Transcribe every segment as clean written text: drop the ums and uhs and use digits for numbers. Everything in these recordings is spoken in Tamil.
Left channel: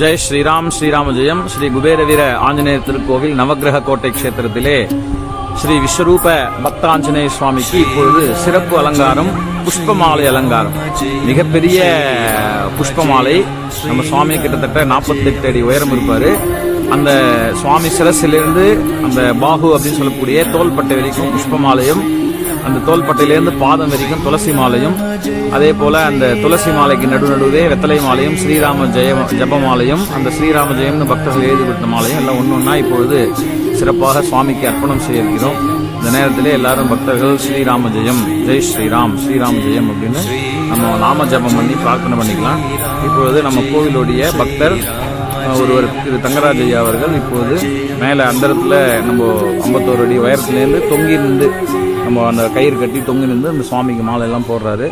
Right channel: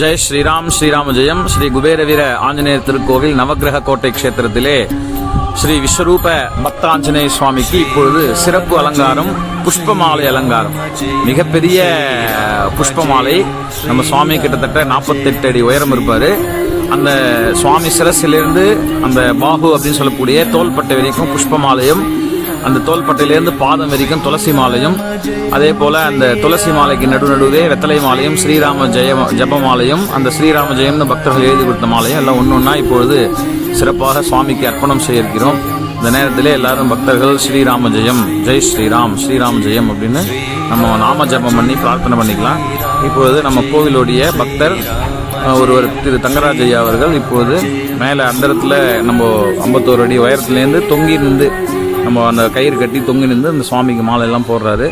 ஜெய் ஸ்ரீராம் ஸ்ரீராம ஜெயம். ஸ்ரீ குபேரவீர ஆஞ்சநேயர் திருக்கோவில் நவகிரக கோட்டை கஷேத்திரத்திலே ஸ்ரீ விஸ்வரூப பக்த ஆஞ்சநேய சுவாமிக்கு இப்பொழுது சிறப்பு அலங்காரம், புஷ்பமாலை அலங்காரம். மிகப்பெரிய புஷ்பமாலை. நம்ம சுவாமி கிட்டத்தட்ட 48 அடி உயரம் இருப்பாரு. அந்த சுவாமி சிரசிலிருந்து அந்த பாகு அப்படின்னு சொல்லக்கூடிய தோள்பட்டை வரைக்கும் புஷ்பமாலையும், அந்த தோள்பட்டையிலிருந்து பாதம் வரைக்கும் துளசி மாலையும், அதே போல அந்த துளசி மாலைக்கு நடுவே வெத்தலை மாலையும், ஸ்ரீராம ஜெயம் ஜபமாலையும், அந்த ஸ்ரீராம ஜெயம்னு பக்தர்கள் எழுதி கொடுத்த மாலையும் எல்லாம் ஒன்னொன்னா இப்பொழுது சிறப்பாக சுவாமிக்கு அர்ப்பணம் செய்ய இருக்கிறோம். இந்த நேரத்திலே எல்லாரும் பக்தர்கள் ஸ்ரீராம ஜெயம், ஜெய் ஸ்ரீராம், ஸ்ரீராம ஜெயம் அப்படின்னு நம்ம நாம ஜபம் பண்ணி பிரார்த்தனை பண்ணிக்கலாம். இப்பொழுது நம்ம கோவிலுடைய பக்தர் ஒருவர் திரு தங்கராஜ் ஐயா அவர்கள் இப்போது மேலே அந்த இடத்துல நம்ம 51 அடி உயரத்துலேருந்து தொங்கி நின்று நம்ம அந்த கயிறு கட்டி தொங்கி நின்று அந்த சுவாமிக்கு மாலை எல்லாம் போடுறாரு.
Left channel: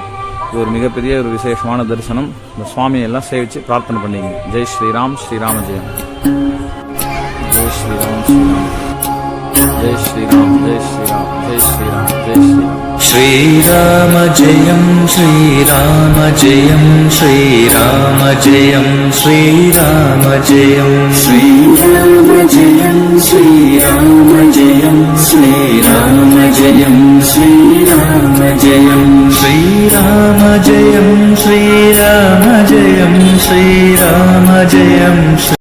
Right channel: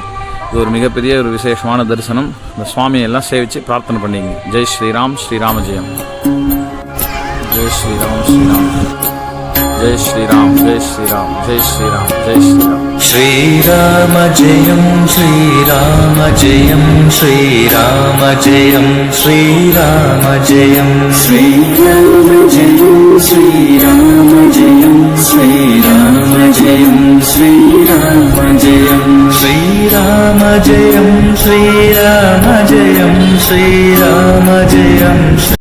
இது ஒரு மிகப்பெரிய ஒரு விசேஷமான தரிசனம். இந்த சுவாமியெல்லாம் சேவிச்சு பிரார்த்தனை பண்ணிங்க. ஜெய் ஸ்ரீராம், ஸ்ரீராம ஜெயம். ஜெய் ஸ்ரீராம், ஸ்ரீராம் ஜெய் ஸ்ரீராம், ஜெய் ஸ்ரீராம், ஜெய் ஸ்ரீராம், ஜெய் ஸ்ரீராம். ஸ்ரீராம ஜெயம், ஸ்ரீராம ஜெயம், ஸ்ரீராம ஜெயம், ஸ்ரீராம ஜெயம், ஸ்ரீராம ஜெயம், ஸ்ரீராம ஜெயம், ஸ்ரீராம ஜெயம், ஸ்ரீராம ஜெயம், ஸ்ரீராம ஜெயம், ஸ்ரீராம ஜெயம், ஸ்ரீராம ஜெயம்.